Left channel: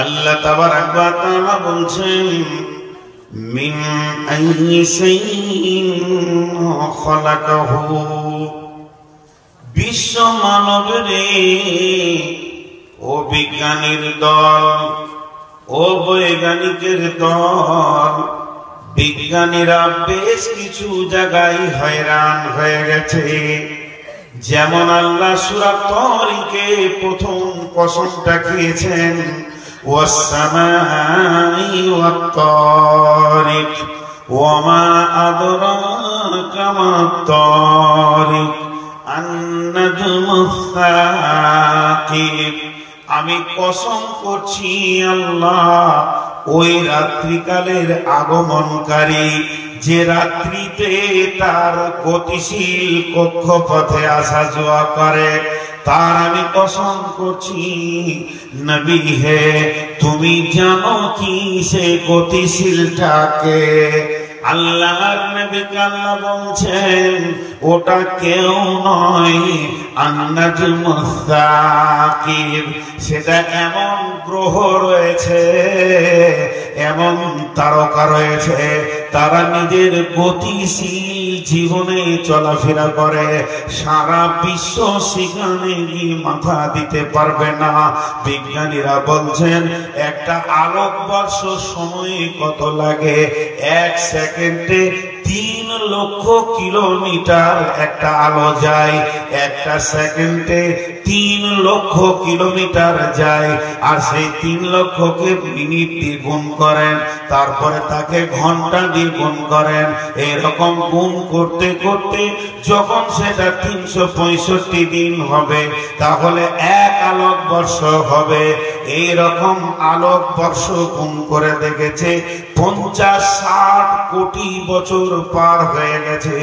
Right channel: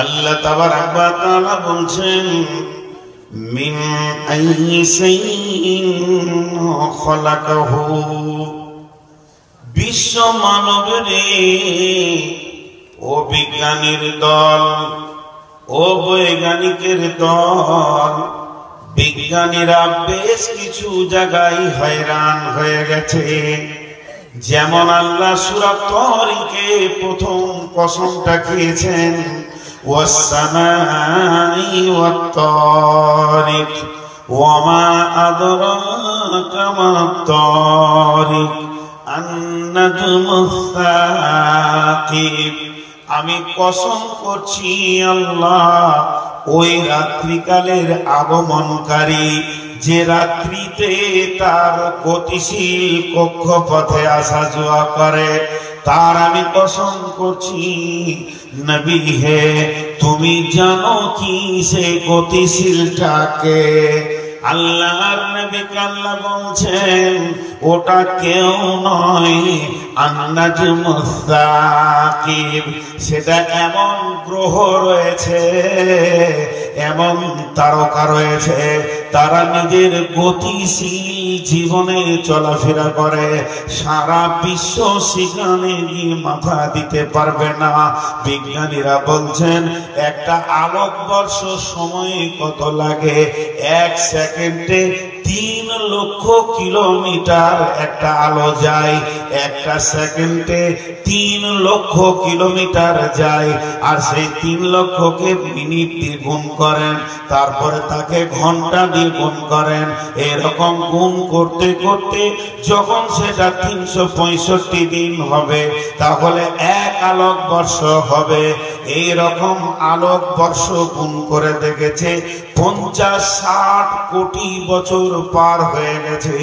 আল্লাহ তাবারাক ওয়া তাআলা বলছেন মিন আইয়ি শাইইন খালাকাহু, বিশ্ব মানবরে ও বিজ্ঞানীর দল, ও বৈজ্ঞানিকের দল, বিজ্ঞানীরা বেশ কিছু জায়গায় হয়রান হয়ে গেছে। যেমন আল্লাহ সূরা তারিকে প্রথম কসমটা খেয়েছেন ওয়াস-সামাই ওয়াত-তারিক ওয়ামা আদরাকা মাত-তারিক আন-নাজমুস-সাকিব। আমি কসম করছি আল্লাহ ওই রাত্রিকালের আগমনকারী, যে রাত্রিতে তার গতিশীল কক্ষপথে আসা যাওয়া করে, তার আমি কসম করছি। নবী হে, তুমি জানো কি সে গতিশীলটাকে? আল্লাহর নবীকে আল্লাহ বলছেন ওটা কেউ নয়, আন-নাজমুস-সাকিব। সেটা এমন গ্রহ রয়েছে, এমন তারকা রয়েছে, তারা নিজের গতিশীল জীবনে চলাফেরা করে, সারা বিশ্ব সেখানে গিয়ে মাথা দিতে পারবে না। বিজ্ঞানীরা বলছেন একটা আলোকবর্ষ সময়ে কত লাগে? 1 সেকেন্ডে 3 লক্ষ কিলোমিটার একটা আলো যায়। 1 সেকেন্ডে 3 লক্ষ কিলোমিটার যায়। আর সেই 3 লক্ষকে মিনিট দিয়ে গুণ করেন, তারপরে তাকে ঘন্টা দিয়ে গুণ করেন। এরকম গুণ করতে করতে যখন সেটা 365 দিন হবে, তাহলে 1 আলোকবর্ষ হবে। এইরকম আলোকবর্ষ গুণ করে দেখেছে 50-60 কোটি বছর পার হয়ে গেছে।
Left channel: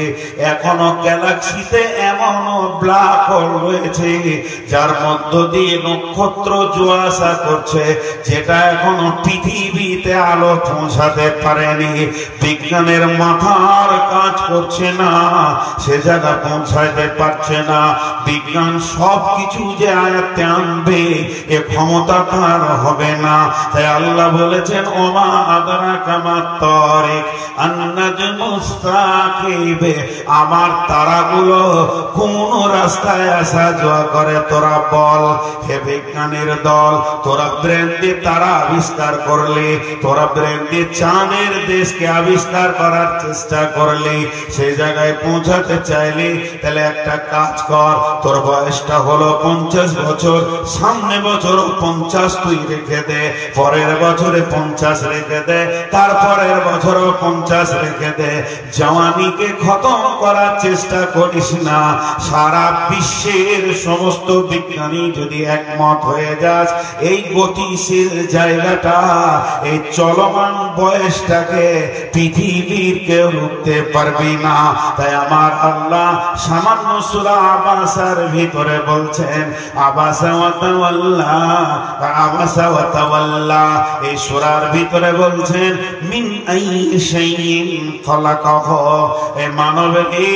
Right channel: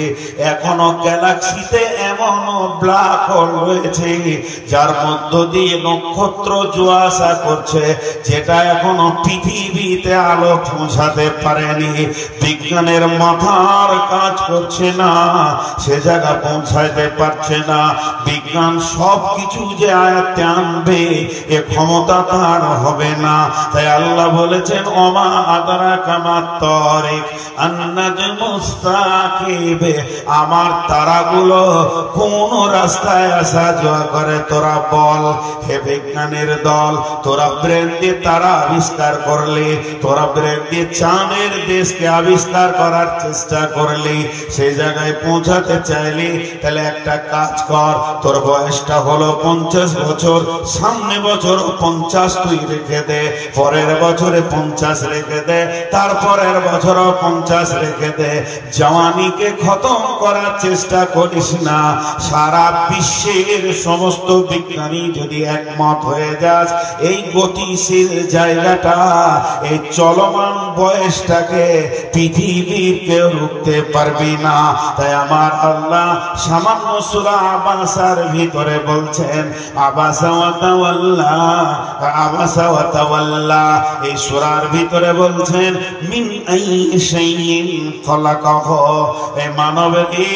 এখনো গ্যালাক্সিতে এমন ব্ল্যাক হোল রয়েছে যার মধ্য দিয়ে নক্ষত্র যাওয়া আসা করছে, যেটা এখনো পৃথিবীতে আলো পৌঁছাতে পারেনি। বিজ্ঞানের মাথার কাজ করছে না, সে জায়গা পৌঁছাতে পারছে না। বিজ্ঞান সবকিছু যে আয়ত্তে আনবে এ ক্ষমতা তার হবে না। তাই আল্লাহ বলেছেন ওমা আদরাকা মাত-তারিক আন-নাজমুস-সাকিব। আমার তারাগুলো কোন রাস্তায় আসা যাওয়া করে তোরা বল। হে বিজ্ঞানের দল, তোরা ব্রেন দিয়ে তারা আবিষ্কার করলি, তোরা ব্রেন দিয়ে চাঁদের দেশকে আবিষ্কার করার চেষ্টা করলি, সেই জায়গায় পৌঁছাতে চাইলি, তাহলে একটা কাজ কর, তোর বয়সটা হলো 50 বছর, সামনে বছর 50 তুই রেখে দে, পরের বছরে 50 রেখে দে, তারপরের বছরও 50 রেখে দে। জওয়ানিকে খতম করার চেষ্টা করিস না। সারা বিশ্বের সমস্ত বিজ্ঞানী যদি একমত হয়ে যাস, এই গতিশীল জায়গাটা, এই চলমান বয়সটাকে পৃথিবীর কেউ রুখতে পারবি না। তাই আমার আল্লাহ সামান্য সূরা আবাসার ভিতরে বলছেন আবাসা ওয়া তাওয়াল্লা, আবাসা ওয়া তাওয়াল্লা। এই সূরার ভিতরে বলছেন মিন আইয়ি শাইইন খালাকাহু। এ মানব রে,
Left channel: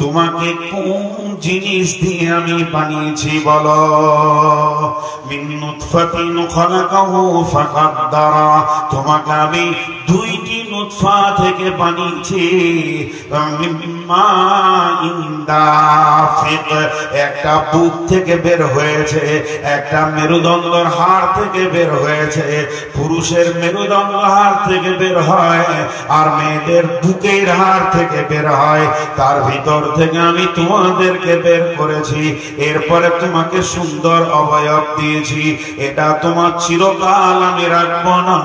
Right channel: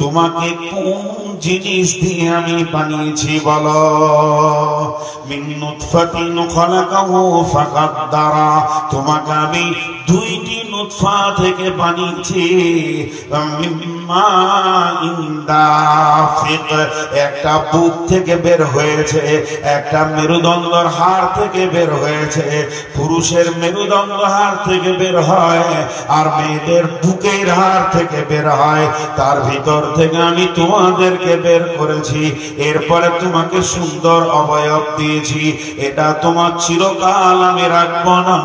তোমাকে কোন জিনিস দিয়ে আমি বানিয়েছি বলো? মিন নুতফাতিন খালাকাহু ফাকাদ্দারা। তোমাকে আমি 2টি নুতফা থেকে বানিয়েছি। মিম্মা ইনদাফিক, একটা বুক থেকে বের হয়েছে, একটা মেরুদণ্ডর হাড় থেকে বের হয়েছে। পুরুষের মেরুদণ্ড হাড় থেকে বের হয়, আর মেয়েদের বুকের হাড় থেকে বের হয়। তার ভিতর থেকে আমি তোমাদেরকে বের করেছি। এরপরে তোমাকে সুন্দর অবয়ব দিয়েছি। এটা তোমার চিরকাল আমি রাখবো না।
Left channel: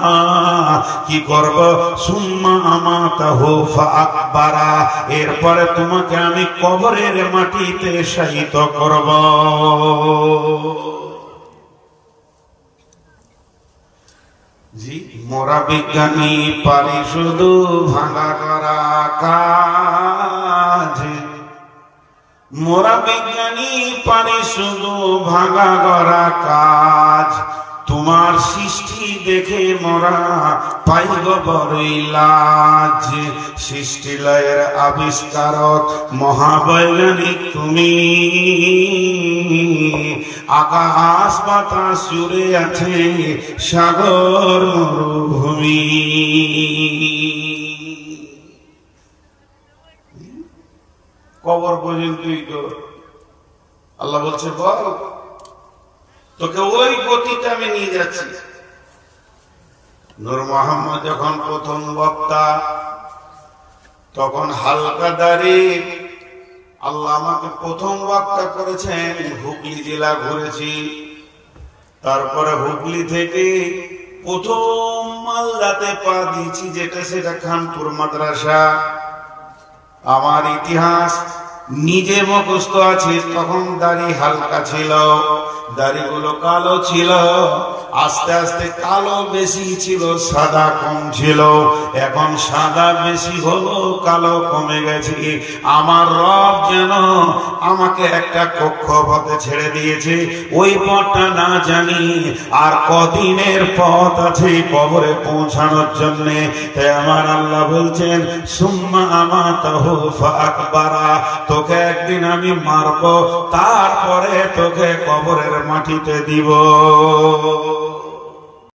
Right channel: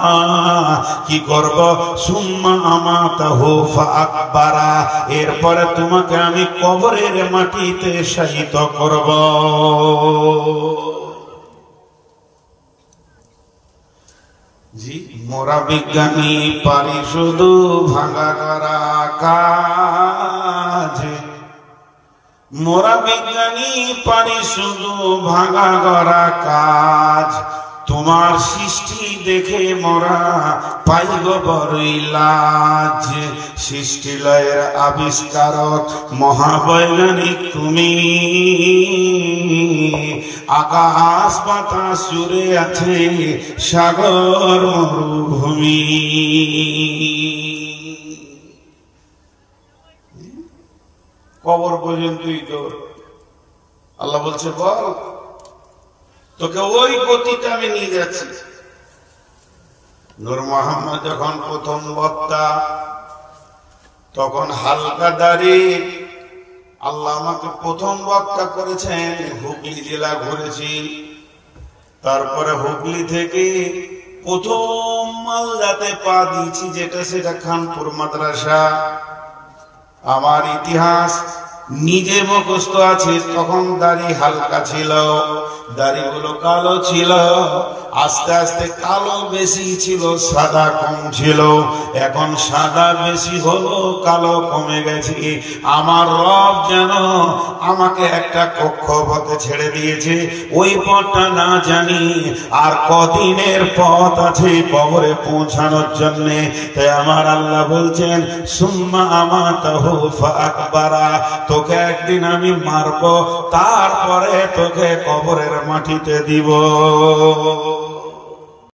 কি করব? সুম্মা আমাতাহু ফাআকবারা। এরপরে তোমাকে আমি কবরের মাটিতে শায়িত করব। জি, মোরা বিজ্ঞানী পারি শুধু ভাঙা করা কাজ। মোরা বিজ্ঞানী পারি শুধু ভাঙা করা কাজ। তোমার সৃষ্টি দেখে মোরা পাইব বড়ই লাজ। সৃষ্টি লয়ের আবিষ্কারক মহাবৈজ্ঞানিক তুমি, আকাশ বাতাস জুড়ে আছে সাগর মরুভূমি। কবর পর্যন্তই তো আল্লাহ বলছে বল তোকে ওই গতিতে আমি নিয়ে যাচ্ছি। নূর মোহাম্মদ যখন প্রথম বক্তা তখন হালকা দাড়ি, আল্লাহ আমাকে প্রথম বক্তা করেছেন। হুগলি জেলা ঘুরেছি, তারপরে হুগলি থেকে প্রথম মালদাতে পা দিয়েছি, যেটা সেটা খানপুর মাদ্রাসা। আমার ইতিহাস নিজে মুখস্থ আছে। তখন দাড়ি হালকা ছিল, দাড়িগুলো কালো ছিল, আস্তে আস্তে কালো বেশি ছিল, সাদা কম ছিল। এখন সাদা বেশি হলো, কালো কমে গেছে। আমার রব যেন আমাকে একটা কক্ষপথে ছেড়ে দিয়েছে, ওই পথটা না জানি আর কদিনের পথ আছে কবরে পৌঁছানোর জন্য। তাই আমার আল্লাহ বলছেন সুম্মা আমাতাহু ফাআকবারা, তোকে একদিন আমি মারবো, তারপরে তোকে কবরের মাটিতে দিব।